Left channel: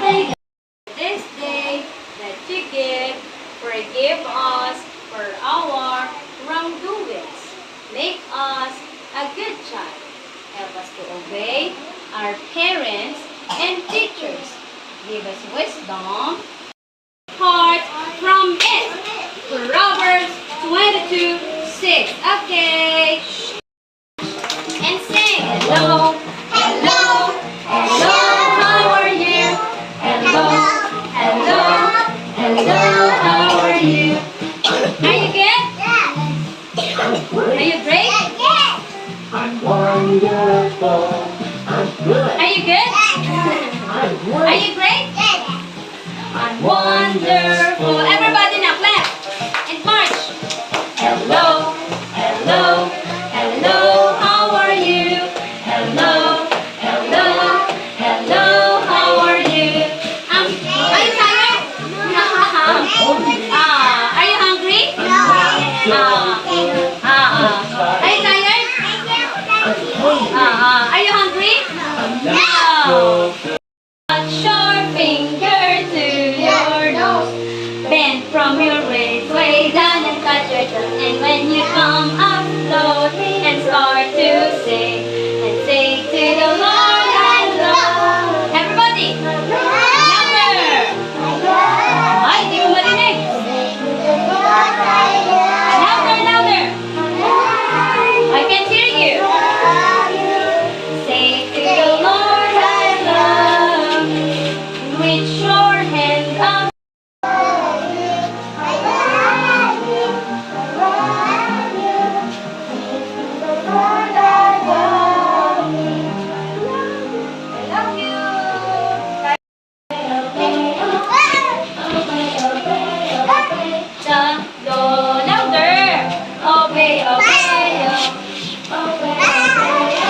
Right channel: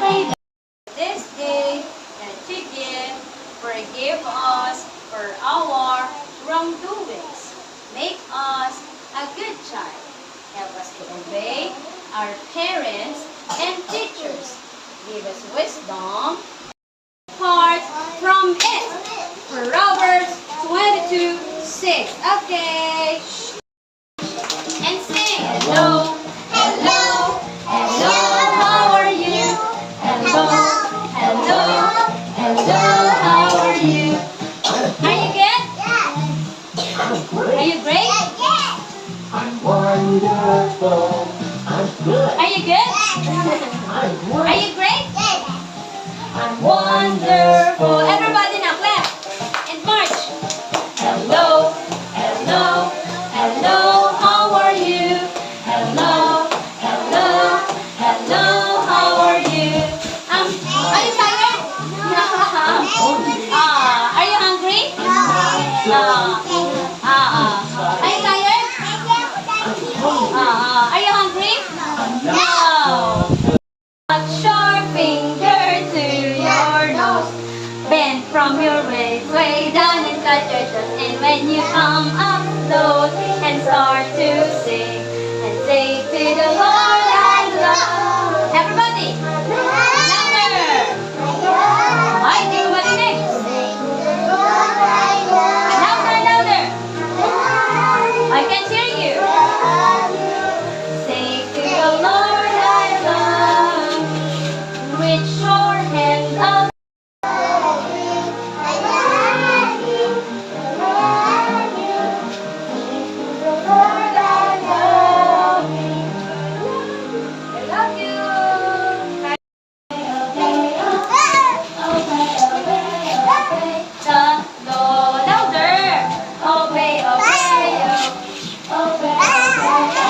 This day that you give, forgive us for our wrongdoings. Make us a good child. Help us to obey our parents and teachers. Give us wisdom, heart from it. Proverbs 22:6. Okay. And sing. Hello, hello, hello. How are you? Hello, hello, hello. How are you? Are you good? Are you great? I'm wonderful. I'm good. Are you good? Are you great? I'm wonderful. Everybody now clap and march. Hello, hello, hello. How are you? Hello, hello, hello. How are you? Are you tired? Are you hungry? Are you tired? Are you hungry? No. Touch your finger to your nose. Bend from your waist way down and touch your toes. And when you come up slowly and start to sing and say to the Lord I love. Everybody, louder. Ay, di ko marinig. Louder, louder. I can't hear you. Say to the Lord I love. With your hand up. I love you. The louder. Obey, obey,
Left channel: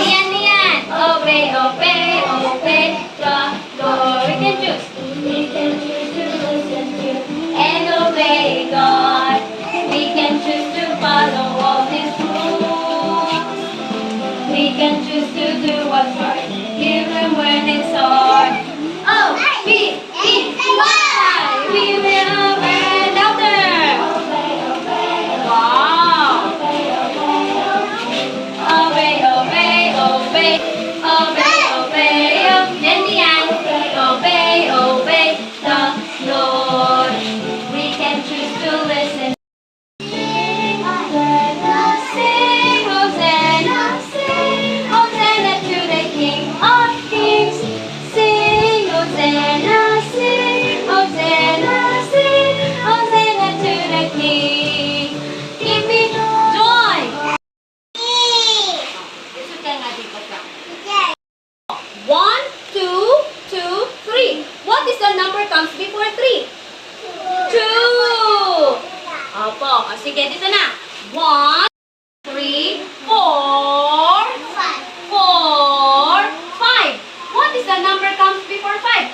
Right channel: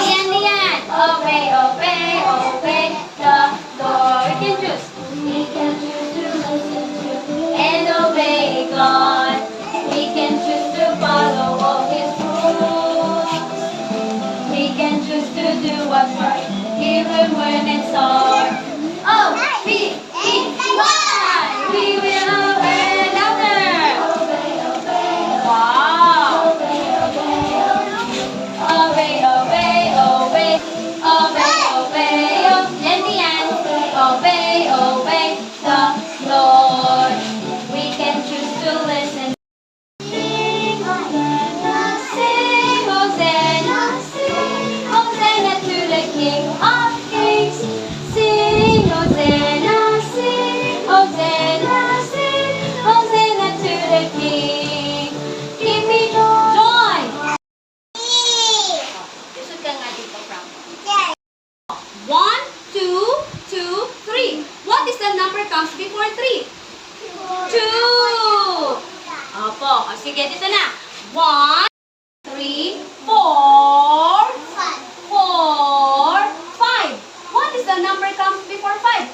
Lian, Lian. Obey, obey, obey the Lord. We can choose to listen to and obey God. We can choose to follow all His rules. We can choose to do what's right, even when it's hard. O-B-E-Y. We will obey louder. Wow. Obey, obey, obey. Obey, obey, obey. Obey, obey the Lord. We can choose to listen. Sing, Hosanna, sing, Hosanna, sing, Hosanna to the King of Kings. Sing, Hosanna, sing, Hosanna, sing, Hosanna to the King. Give me joy. Isod ka nga dito, Frank. 1, 2, 2, 3. What is the number comes before 3? 2. Opo. O, sige, dito na. 1, 3, 4, 4, 5. What is the number comes before 5?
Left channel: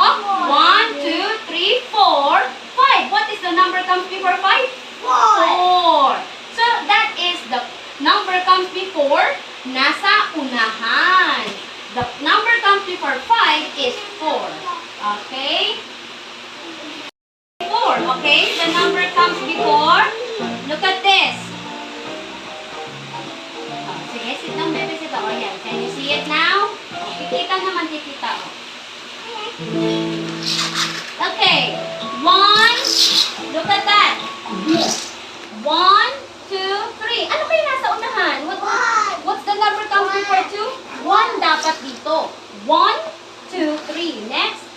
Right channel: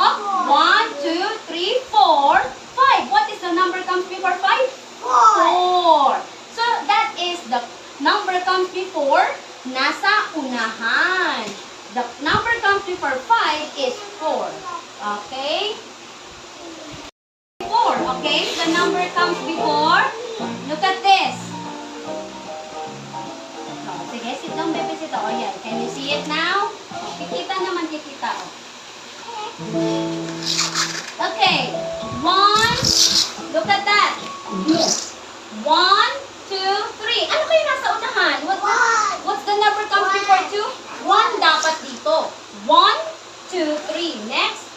Oh, 1, 2, 3, 4, 5. What is the number comes before 5? 4. So, that is the number comes before nasa unahan. The number comes before 5 is 4. Okay? 4. Okay? The number comes before. Look at this. Oh, sige, sit down, baby. Sit down. Oh, yan. Can you see it now? Kikita naman, kikita. Oh. Okay. 1. Look at that. 1, 2, 3. Ano kayo nasa unahan? What's the number comes before 2? 1 dapat dito. 1, 2, 3. Next.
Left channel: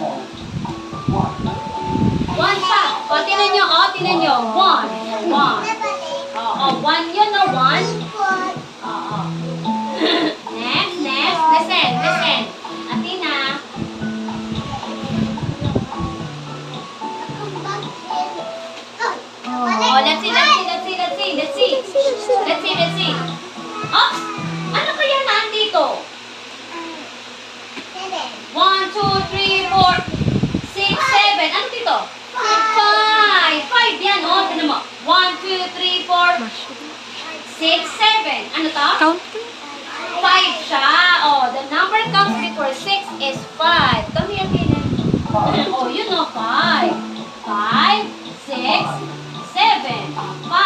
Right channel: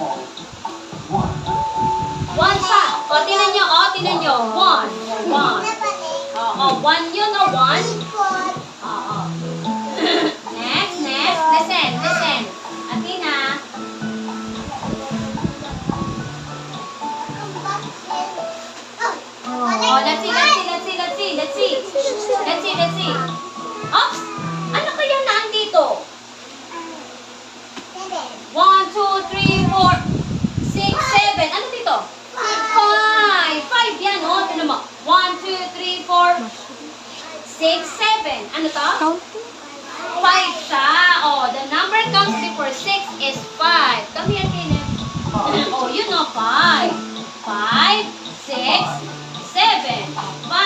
1 pa. O, tinan nyo. O, tinan nyo. 1. 1. O, 1 yun, o. 1. O. Next, next. Listen, listen. Atina. Oh, let's see, let's see, let's see, let's see, let's see. Let's see, let's see. Oops! Ano kaya nandito? 1, 2, 3, 4, 6, 7. Ano dito? 5. 5 yan, oh. Tignan mo. 1, 2, 3, 4, 6, 7. Ano to? Count. 5 siya. Oh, the number comes before 6 is 5. Oh, you know 5. 5, 6, 7. 5. 5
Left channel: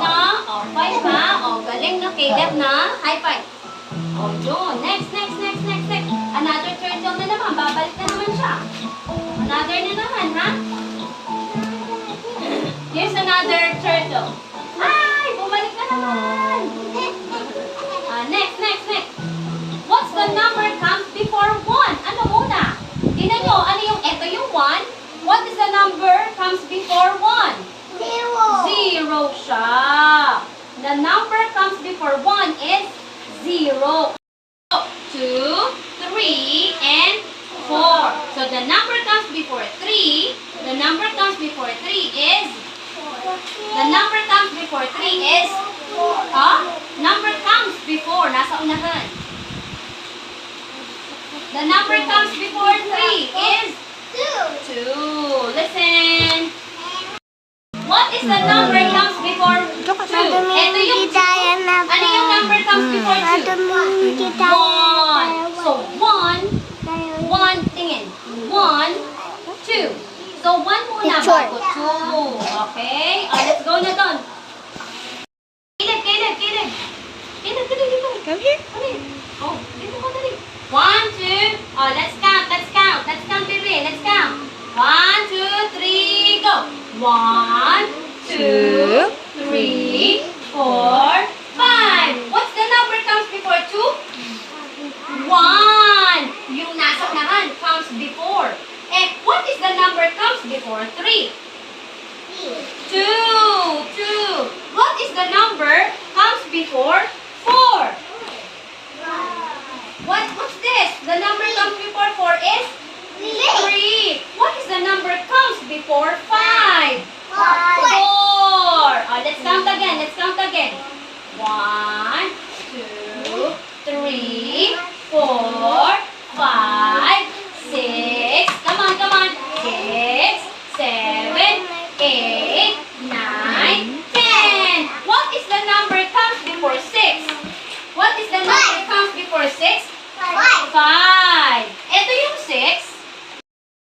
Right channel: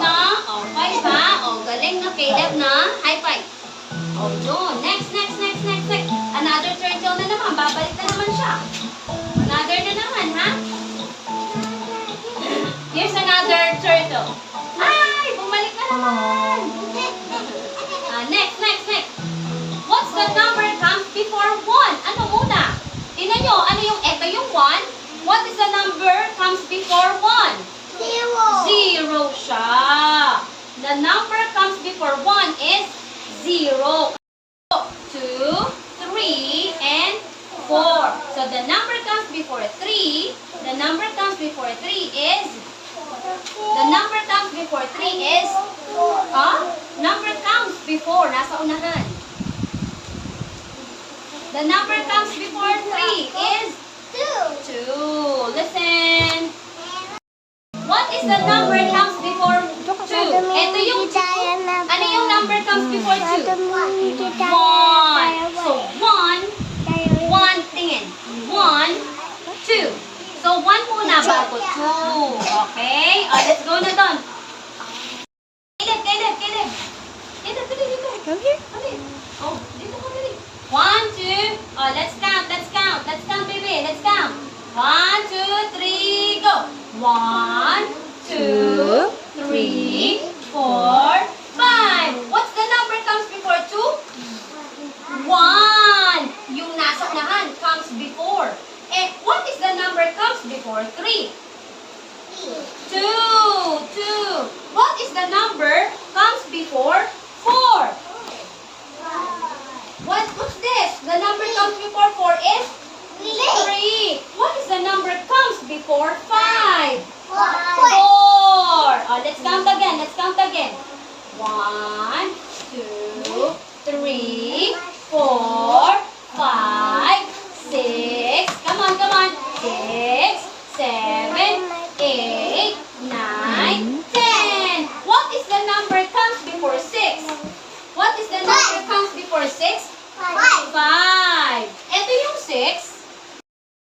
na. Oh, 5 ha. Oh, galing na. Caleb na. High 5. Oh, yun. Next. Another turtle na naman. Babalik na naman siya. Another na naman, ha? Here's another turtle. Ay, bumalik na naman. Next. What's the number comes before 1? Ano muna? Tingnan nyo, ano yung eto yung 1? What is the number comes before 1? 0 siya. The number comes before 1 is 0. 2, 3, and 4. So the number comes before 3. The number comes before 3 is number comes before, nasa unahan. The number comes before 3 is 2. Listen. What is the number comes before 2? Ito yung 2. Ano yung number comes before 2? 1. So 1, tingin. 1, 2. So 1 muna bago 2. Okay? Let's go na doon. Caleb. Dali. Oh, dito ka dali. 1, 2. Oh, let's count. Let's count, baby. Let's count. 1, 2, 3, go. 1, 2, 3, 4, 5. What's the number comes before 2? 1. Yung nasa unahan comes before. And what is the number comes before 3? 2. What is the number comes before 4? What's this? The number comes before 4 is 3. What is the number comes before 5? 4. Let's count again. 1, 2, 3, 4, 5, 6. Come on. 6, 7, 8, 9, 10. What is the number comes before 6? What is the number comes before 6? 5. Ito yung 6.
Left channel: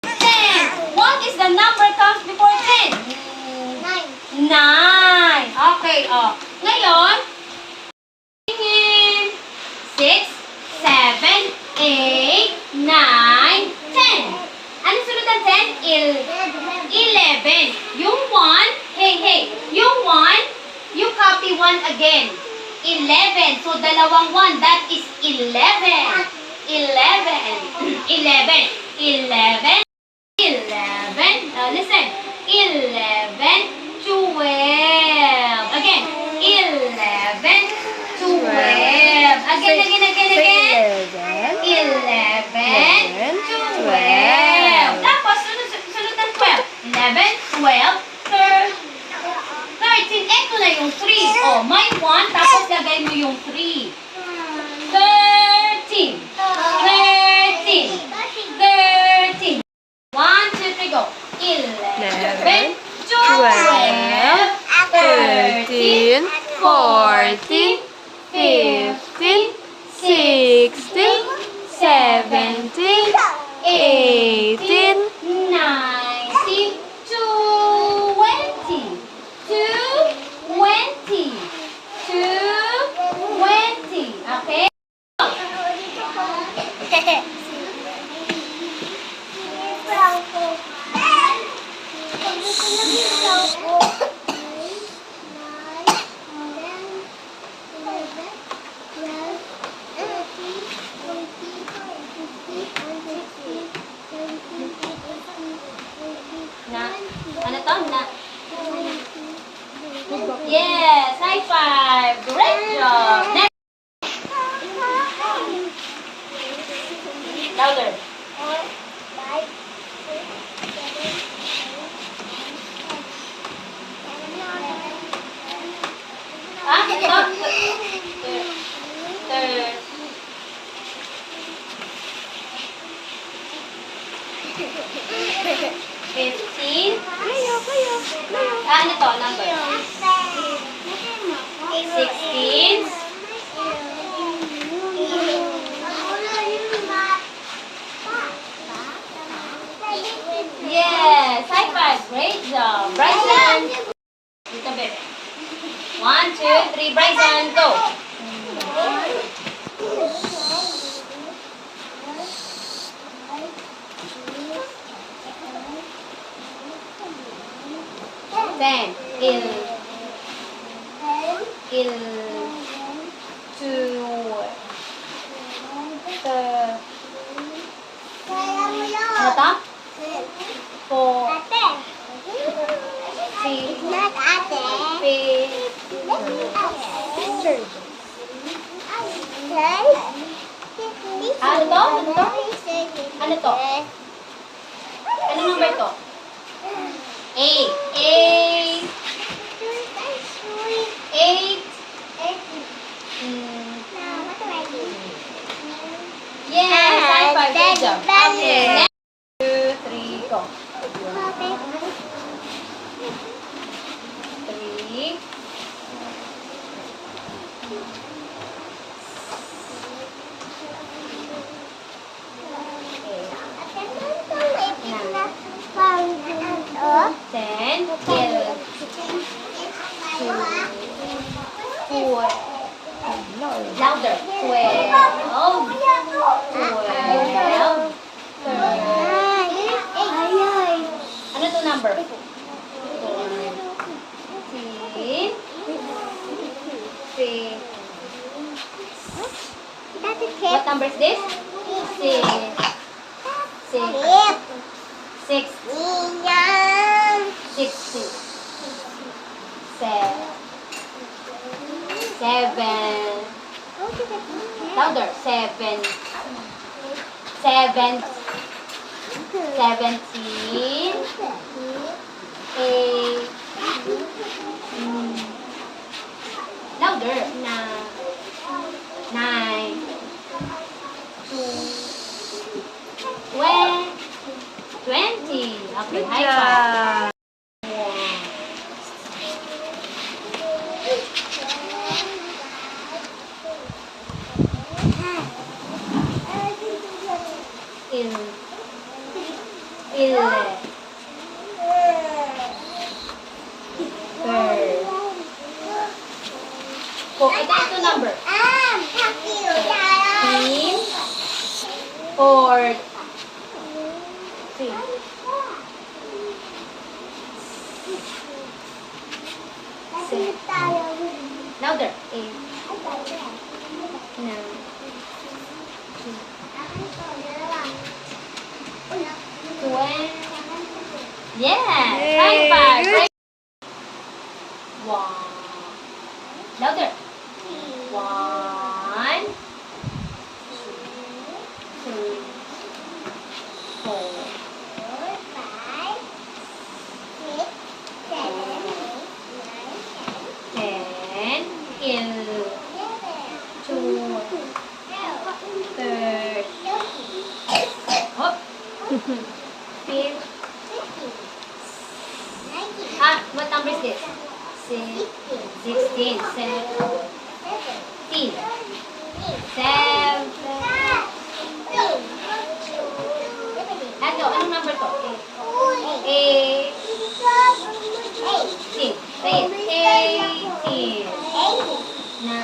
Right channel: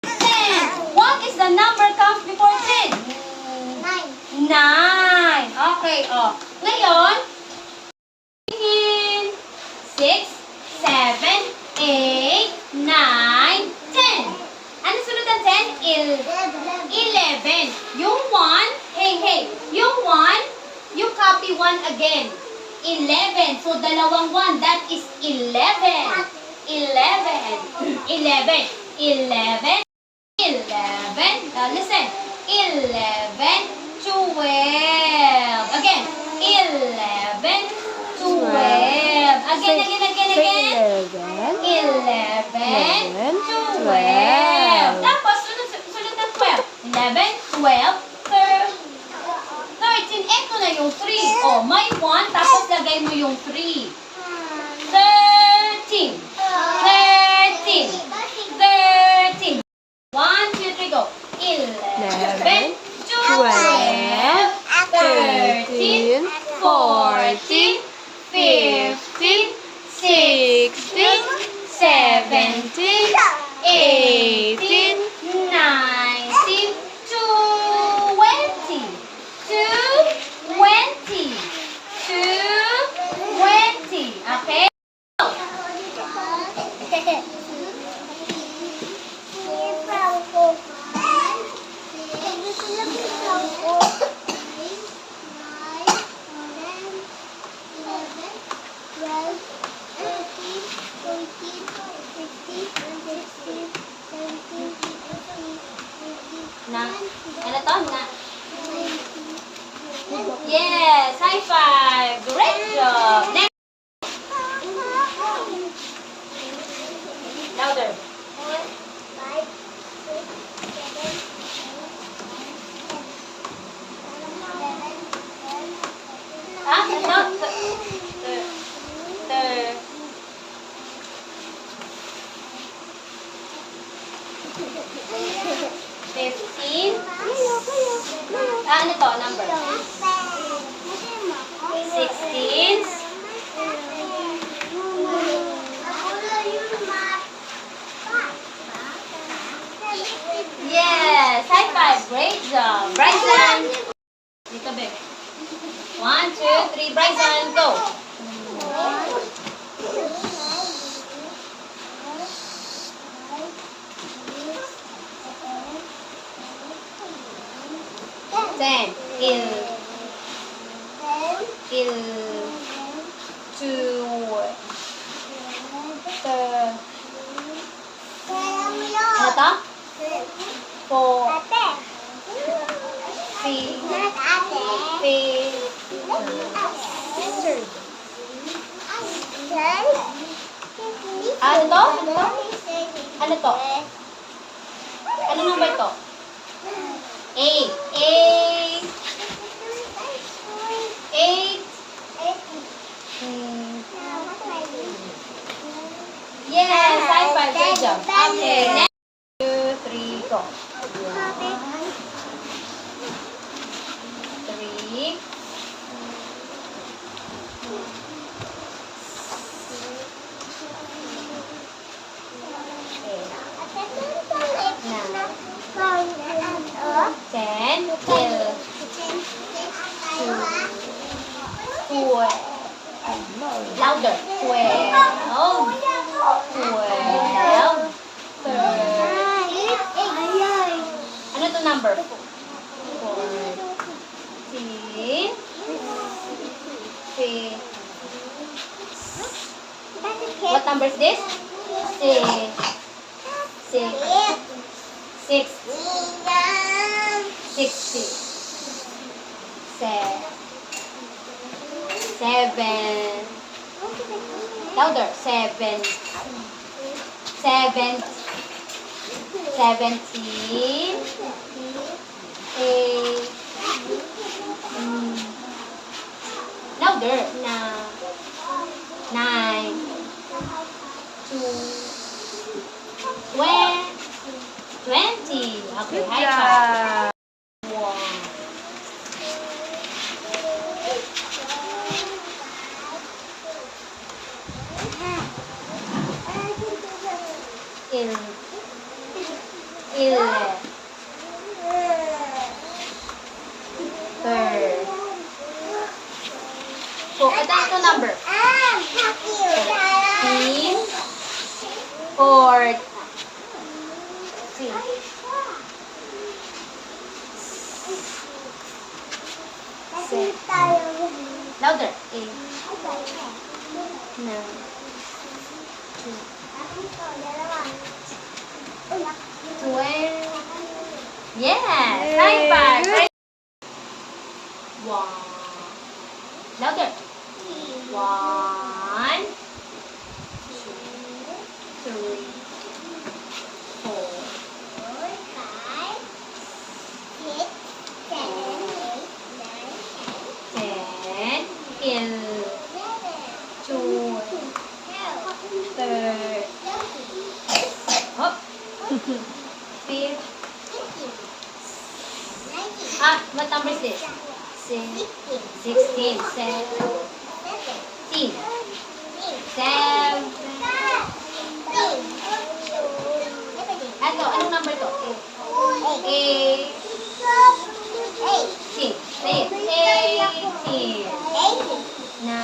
10. What is the number comes before 10? 9. Okay, Ngayon, tingin. 6, 7, 8, 9, 10. Ano sunod ng 10? 11. Yung 1, hey. Yung 1, you copy 1 again. 11. So, dalawang 1. That is 11. 11. Listen. 11, 12. Again. 11, 12. Again. 11, 12. Tapos, sunod ng 12. 11, 12, 13. Ito na yung 3. Oh, may 1, tapos lagay mo yung 3. 13. 1, 2, 3, go. 11, 12, 13, 14, 15, 16, 17, 18, 19, 20. 20. Okay? Ano to? Yes, high five. Great job. Next. Louder. Ito. 15. Ano to? Number? 16. 17. Bryson. Dito, bebe. 1, 2, 3, Bryson, go. Ten, two, ano to? 4, 5, ano to? Ano to? Ano number to? 8, 8, yes, high five, good job. Okay, next, 2, 3, go. 3, then, 12, 12, louder, 12, 13, ano to number? 14, 15, what number is this? 6, 16, 7, louder, 7, 17, 8, louder, 9, 20. Okay, high five. Ito number. 15, 14, louder. 8, 9, 20. Yes, high five. Great. 1, louder. 1, 2, 4, 10, 11, 12, 13, hop. 15. What number is this? 16, 17, 7. Anong number to? 8. Say it. 18. Na.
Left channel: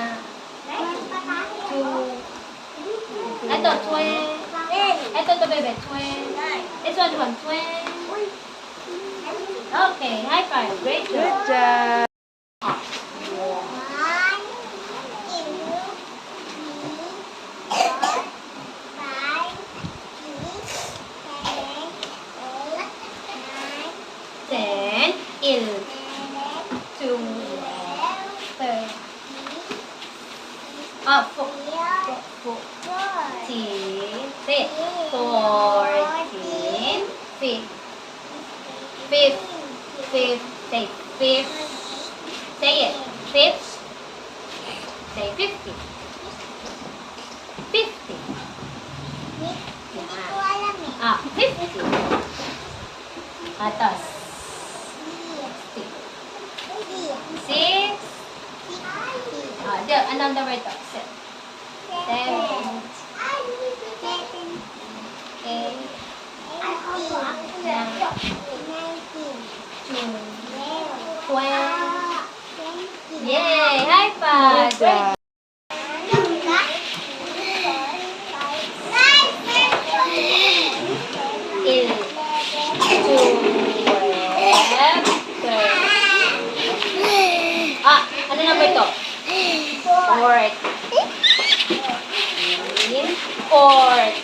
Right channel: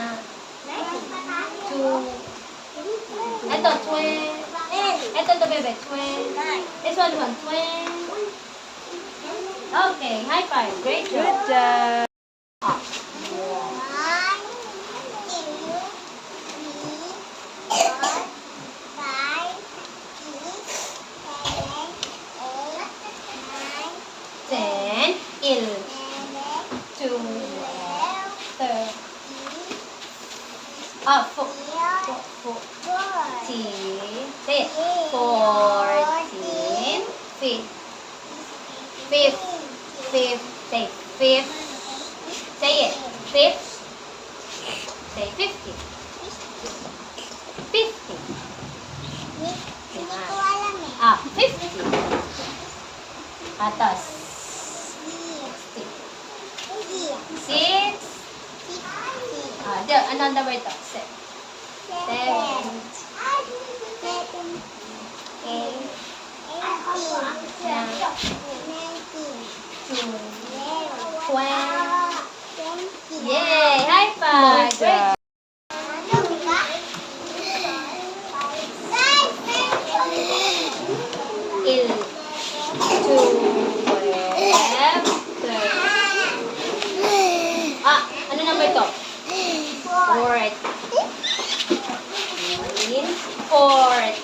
2. Ito, 20. Ito, bebe. 20. This one, 20. Okay, high five. Great job. Good job. Ten, 11, 12, 13. 14. Say it. 14. 15. Fifth. Say fifth. Say it. Fifth. Say 50. 50. 50. Atas. 6. Another word to. 7. 8. 9. 2. job. Eight, 12, 13. Ano number to? Fourth. 4th.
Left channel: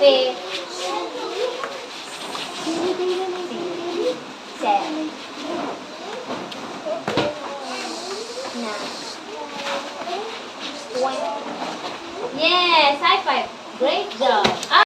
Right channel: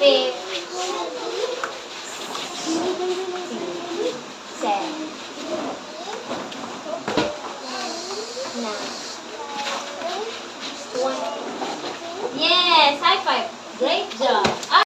5th. 7th. 9th. 20th. Yes, high five. Great job.